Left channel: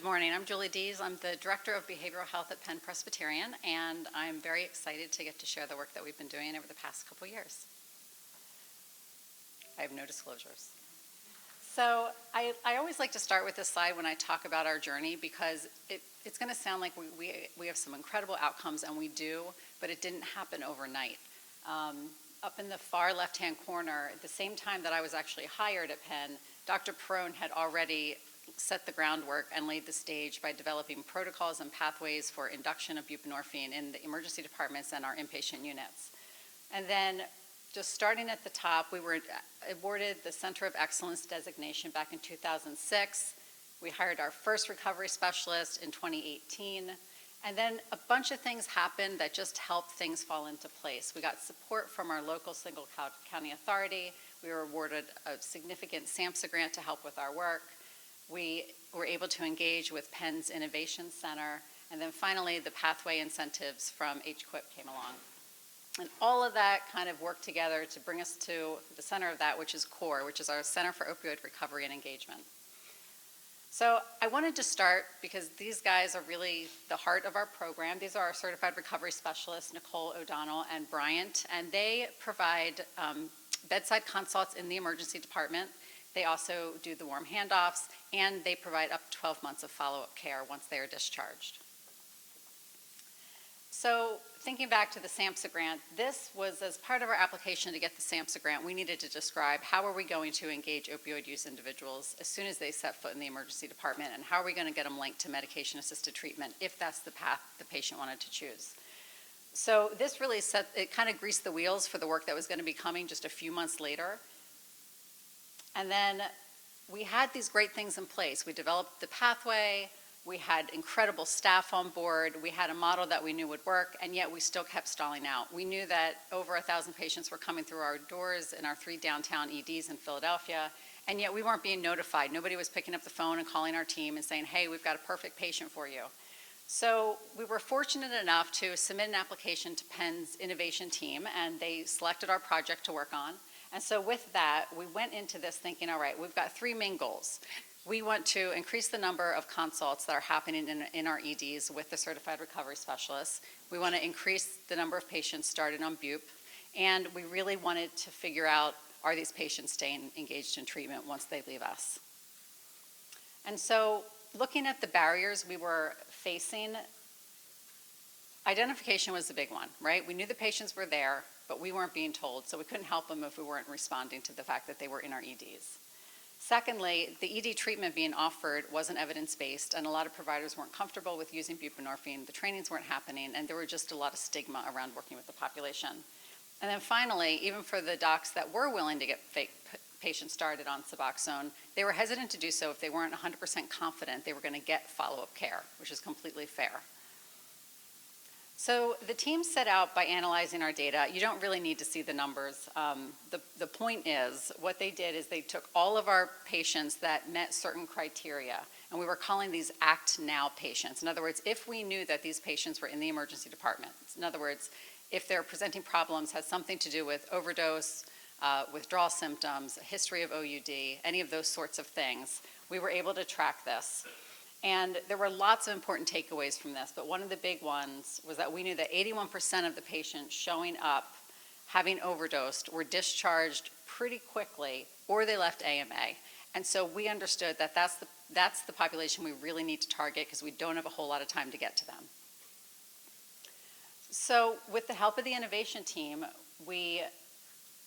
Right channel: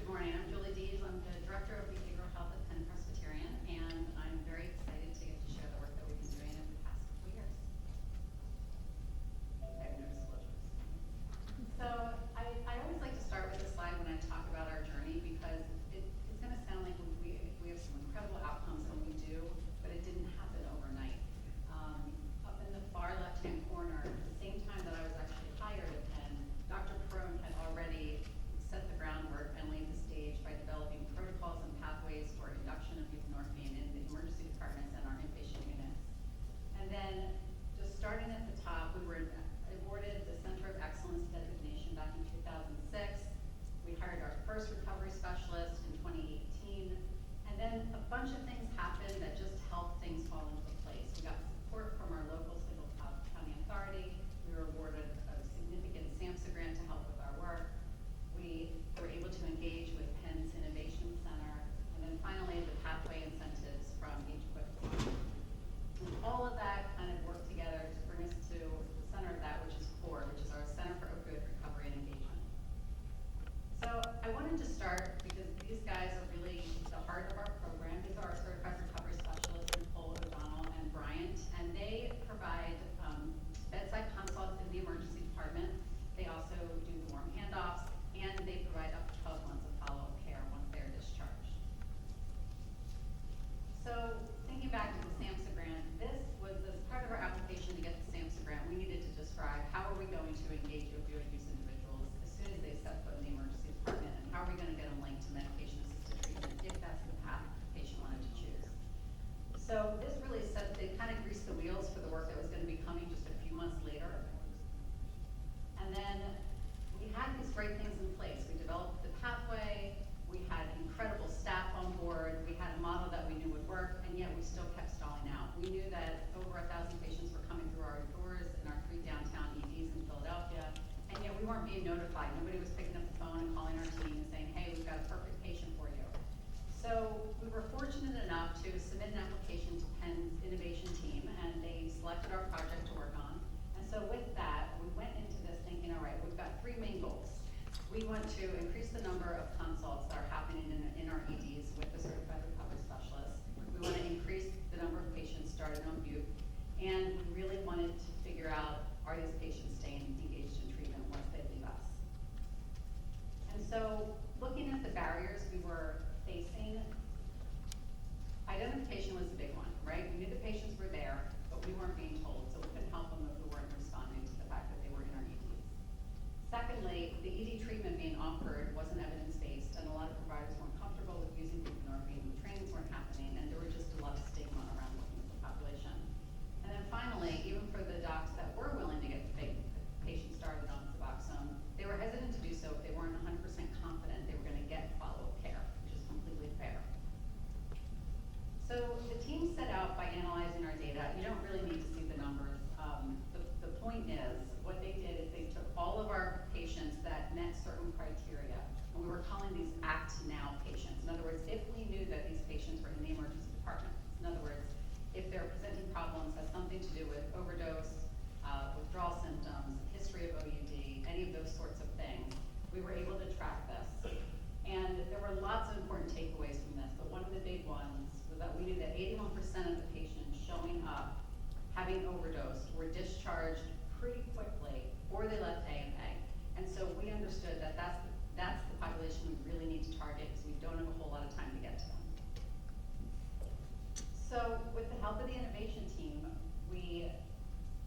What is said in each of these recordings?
Good morning. I'm Julie Dees. I'm the Director of Behavioral Health at Penn Presbyterian, and I'm very excited to get to share the work that we've been doing over the past couple years. I have no disclosures. So I always like to start with this slide when I talk about our journey because it's going to sound like we have some incredible outcomes, and we do, but it didn't happen overnight. Up in the far left-hand corner, at the same time that I was actually hired at Penn, Dr. Perrone had already set the groundwork and laid the stage by developing protocols and pathways for induction of buprenorphine in the emergency departments and our inpatient units. And then just starting at the top, we were awarded the Center of Excellence designation back in 2006. We hired our first recovery specialist in 2018. And then a bunch of things happened that just helped things fall into place. We got support from our local single county authority. We were awarded a significant SAMSA Grant to help with our work. We were able to engage with Penn's Innovation Center, and then finally the pathway incentives from HQIP came along. And all of that kind of worked together to bring us to the center of that, which is CORE, which is our Center for Opioid Recovery and Engagement. So I wanted to start because these guys are really the heart of our program. These are our certified recovery specialists, Nicole O'Donnell and Bryant, and they provide bedside consults in the emergency department. They also do the warm handoffs, and they provide up to 12 months of follow-up care once they are discharged. So thinking back to the SAMSA Grant, this was as part of our application to get the SAMSA Grant, we needed to describe how are we going to engage opioid use individuals as soon as they set foot in the emergency department, and how are we going to get them linked to medication-assisted treatment if that's the path the patient wanted to choose. So this really it kind of greased the wheels for the work that was going to be coming just a few months later. And then we had these great things in place. We developed the pathway, we had incredible staff on board, we had a model that we knew would work, and yet we still kept stalling out. We knew that over 1,000 patients were coming through our doors in our 3 downtown EDs in Philadelphia, and yet we weren't being notified. Nobody was picking up the phone and calling our team and saying, hey, we've got a perfect patient for you. So we were fortunate enough to submit an application to Penn's innovation team, and they selected our project to work on. And so with that, we went into this thinking, all right, we've got 3 main goals. We want to increase the number of consults that are happening in our EDs with the certified recovery specialists. We want to increase the number of patients started on bup. And we really wanted to figure out, are these patients staying engaged in treatment once they leave us? And so looking at the barriers we were facing, identification was the big one, right? We knew the patients were there, but we weren't being told, so we couldn't help them if we weren't responding to the fact that they were in our EDs. Secondly, the ED treatment being offered wasn't evidence-based, and a lot of providers weren't comfortable with using buprenorphine. The trainings weren't happening, and there were just a lot of stigma around working with the population. And then finally, even for the docs that were willing to get patients started on Suboxone, they were hesitant to do so if they weren't 100% confident they were going to get follow-up care, which is completely fair. So the team set out by analyzing our data. You don't really need to see the numbers. The point is, what they did is they took all of our patients that met certain criteria, and we were calling these Act Now patients. In other words, if we knew that these patients were in the emergency department, in other words, if their presenting problems had something to do with overdose, withdrawal symptoms, a history of OUD, any of those sorts of things, we were able to track this. And there were lots of important takeaways from this, but one of the big ones was that we knew that 81% of the patients showing up having overdosed were discharged pretty quickly, or they left AMA. And so we understood that that's the population we really need to target because we don't have a whole lot of time to get to them. So with the help of the innovation team, we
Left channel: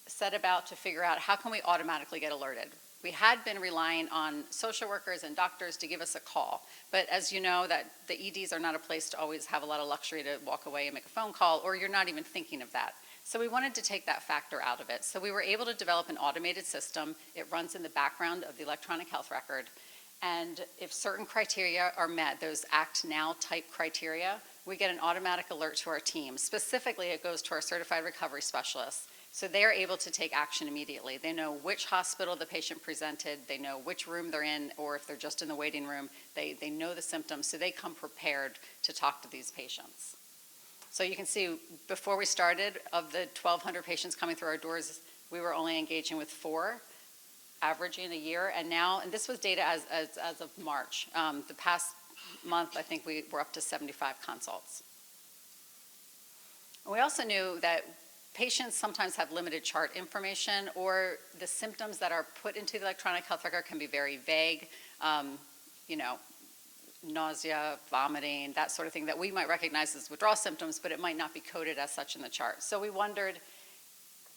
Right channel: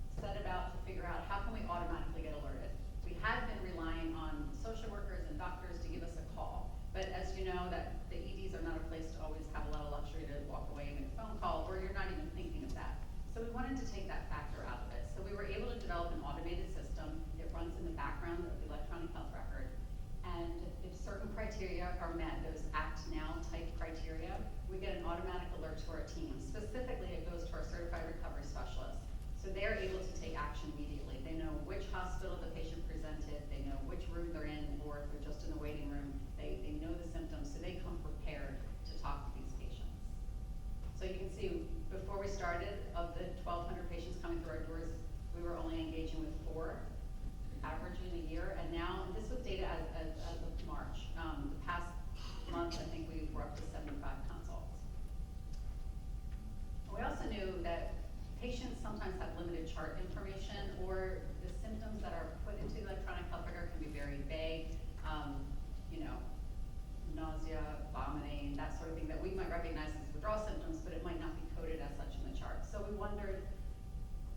set about to figure out how can we automatically get alerted. We had been relying on social workers and doctors to give us a call, but as you know, that the EDs are not a place to always have a lot of luxury to walk away and make a phone call, or you're not even thinking of that. So we wanted to take that factor out of it. So we were able to develop an automated system. It runs in the background of the electronic health record, and if certain criteria are met, those Act Now type criteria, we get an automatic alert to our team. Specifically, it goes to our certified recovery specialists. So they're able to take action immediately. They know which hospital the patient presented, they know which room they're in, or if they're just in the waiting room, they know the symptoms, so they come prepared to talk to these patients. So you can see, before we started, of the 1,200 patients coming through our doors, we were only engaging with 4, averaging a year, and now, and this was data as of March. The past month, I think we were up to 75 consults. We also knew that patients sometimes have limited chart information, or the symptoms that are put into the electronic health record can be very vague, you know, nausea, vomiting, that sort of thing that we might recognize as withdrawal symptoms, but it might not be coded as such in the chart. So we wondered,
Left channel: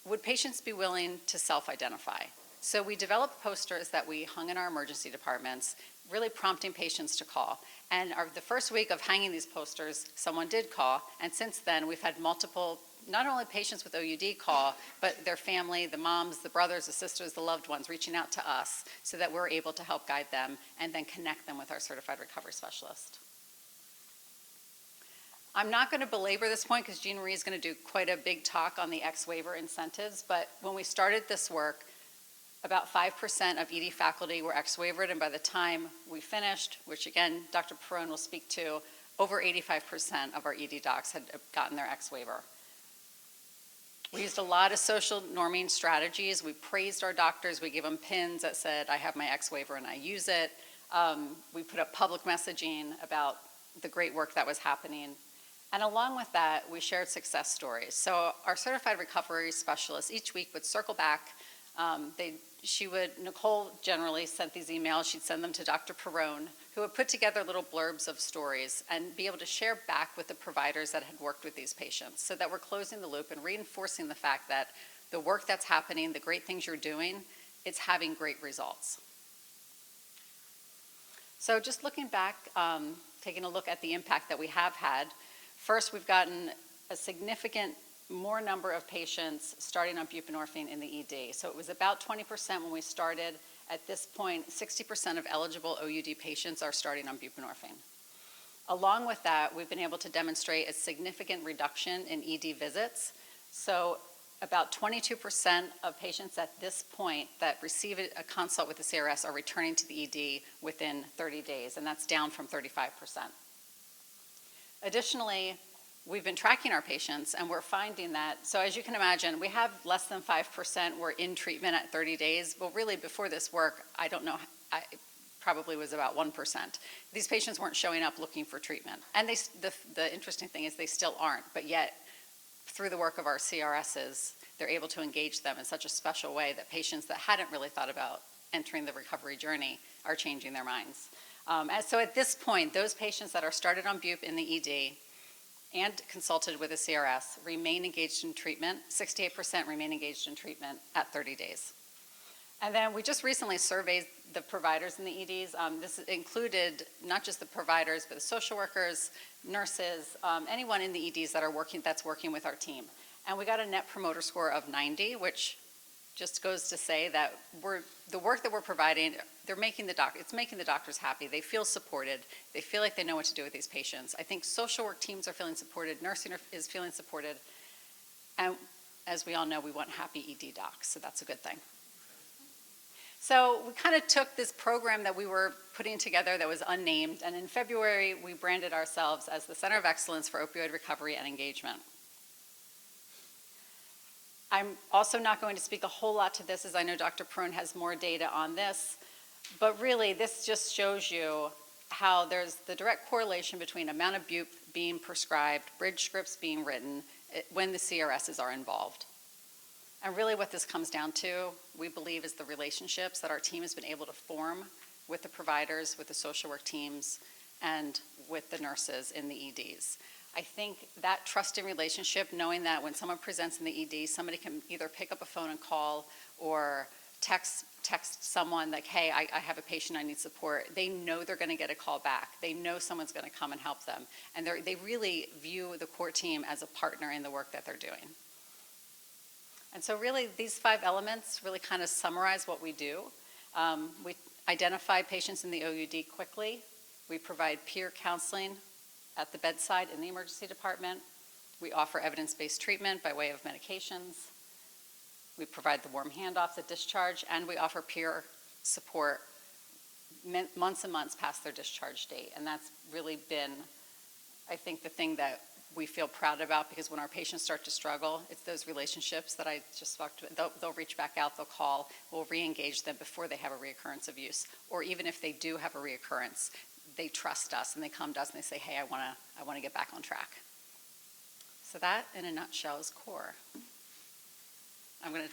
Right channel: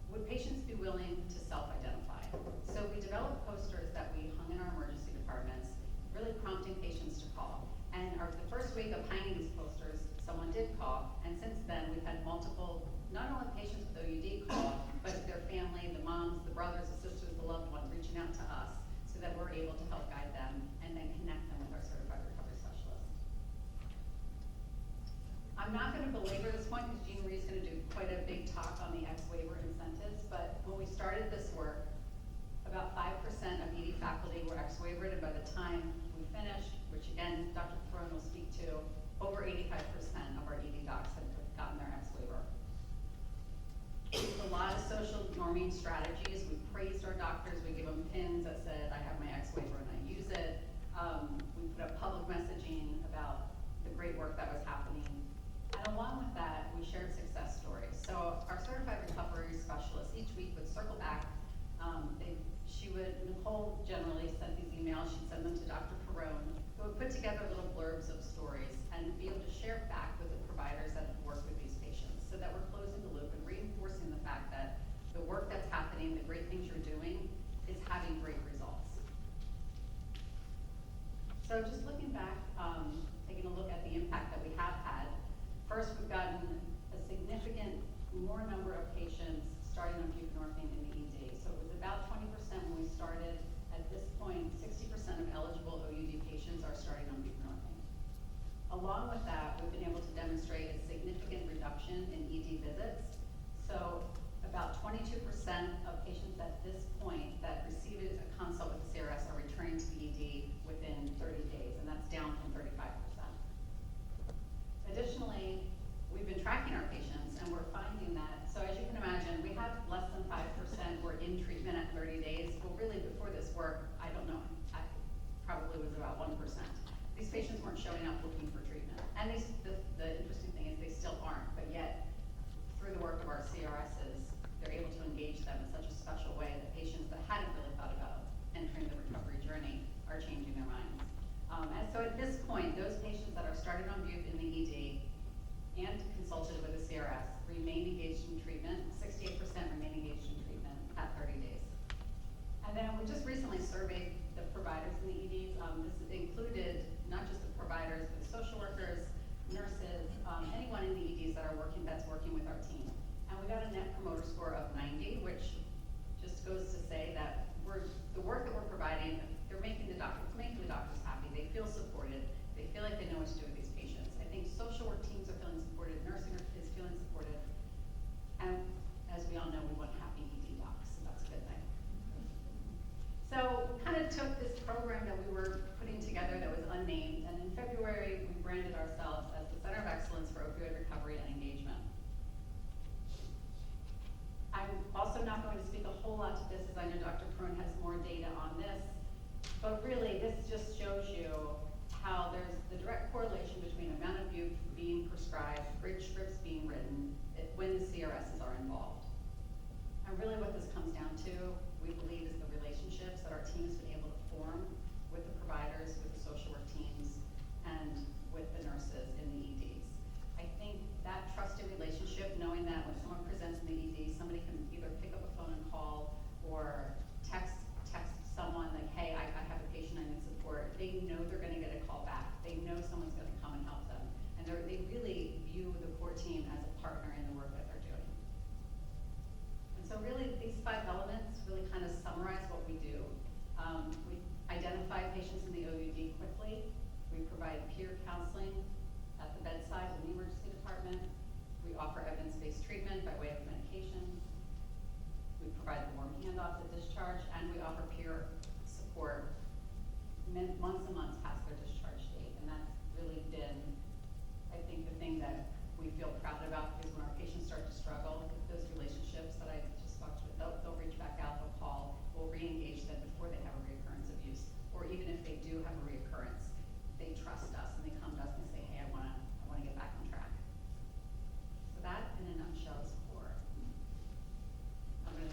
would patients be willing to self-identify? So we developed posters that we hung in our emergency departments, really prompting patients to call. And the first week of hanging these posters, someone did call, and since then we've had multiple, not only patients with OUD call, but their family, the moms, the brothers, the sisters, the loved ones reaching out to us so that we're able to help guide them and then connect them with our certified recovery specialist. I'm not going to belabor this point because Jean Marie is going to do quite a big talk on the ex-waiver incentives, but when we started this work, about 5% of ED faculty were ex-waivered, and by the time we finished, which again, Dr. Perrone will speak to, over 85% of our ED docs had gotten their ex-waiver. We used a lot of social norming strategies. We praised our doctors. We gave them pins that said, I have my ex-waiver and I use it. We put up public messaging about the great work that was happening. And along with that, we shared success stories. So our certified recovery specialist each week would circle back. Nicole generally sent these emails. She'd send them to Dr. Perrone, who would put together little blurbs of stories and be able to share back with the providers that had worked with these patients so that we're closing the loop and reinforcing the fact that the work that's happening, the great things you're doing, it's having great results. So just looking back, taking a look at the impact that we have had, first we've gotten a significant more number of patients starting on buprenorphine in the ED. So it was about 20% when we started. At this point, 60% of eligible OUD patients are starting on buprenorphine. Along with that, we've been able to demonstrate a significant reduction in ED visits. So about 22% of patients at this point that receive a consult with the CRS are returning to the ED within 30 days, and that's down from 35%. Additionally, we've been tracking our patients, and we're finding that, so as you can imagine, we have less than 5% were in treatment at 30 days. Well, really, before this work, I don't know, I probably was about 1%. These patients weren't showing up looking for treatment. And the interesting thing is they still aren't, but yet, through the work of our CRSs, they're able to engage them in such a special way that patients that hadn't really thought about entering the recovery journey are changing their minds. And so at this point, those patients that are started on bup in the ED and consulted with a CRS remain engaged in treatment. 68% remain engaged in treatment at 30 days. And then we just recently surveyed the providers in the EDs. This included not just the providers, but the social workers, nurses, anyone in the EDs that's working with our team. And we got a net promoter score of 90, which just goes to say that the work that we're providing, it's making the doctors happy. They feel supported. They feel like they know what to do with these patients. I think social work teams are feeling supported. Nursing is feeling supported. And as we all know, we want happy ED docs, so that's a good thing. So we kind of took this program that we were putting together that was unnamed, and in February, we branded ourselves as the Center of Excellence for Opioid Recovery and Engagement. I'm also not going to speak a whole lot to this, as I know Dr. Perrone has more data on this, but really this just shows you how there's the direct correlation between amount of bup being prescribed, bridge scripts being written, when the CRSs are involved. And really what this comes down to, we believe, is the relationships that our team has been able to form with the providers, with the social work teams, and with the nurses in the EDs. I think that trusting relationship, knowing that when someone presents in the ED, somebody can either pick up a phone and call or text someone like, hey, I have a patient, I need support. They know they're gonna get a call back. They know someone's gonna come and help them. And they really view the core team as a partner in the work that they're doing. And so really, these 5 elements really kind of summarize what we do. We identify patients in the OUD quickly. We provide peer counseling at the bedside in the emergency department. We offer evidence-based treatment by way of medications. We provide the warm handoffs at discharge, and we offer peer support months and months past their discharge date. And that's really been, I think, the thing that we feel proud about, because when our patients start to struggle, it's those relationships that I just talked about. They'll reach back out, they'll call, we'll re-engage them before they have a reoccurrence of use. Or even if they do have a reoccurrence, they trust us and they come to us and they say, hey, I wanna get back on track. So that, in a nutshell, is CORE. I'm gonna.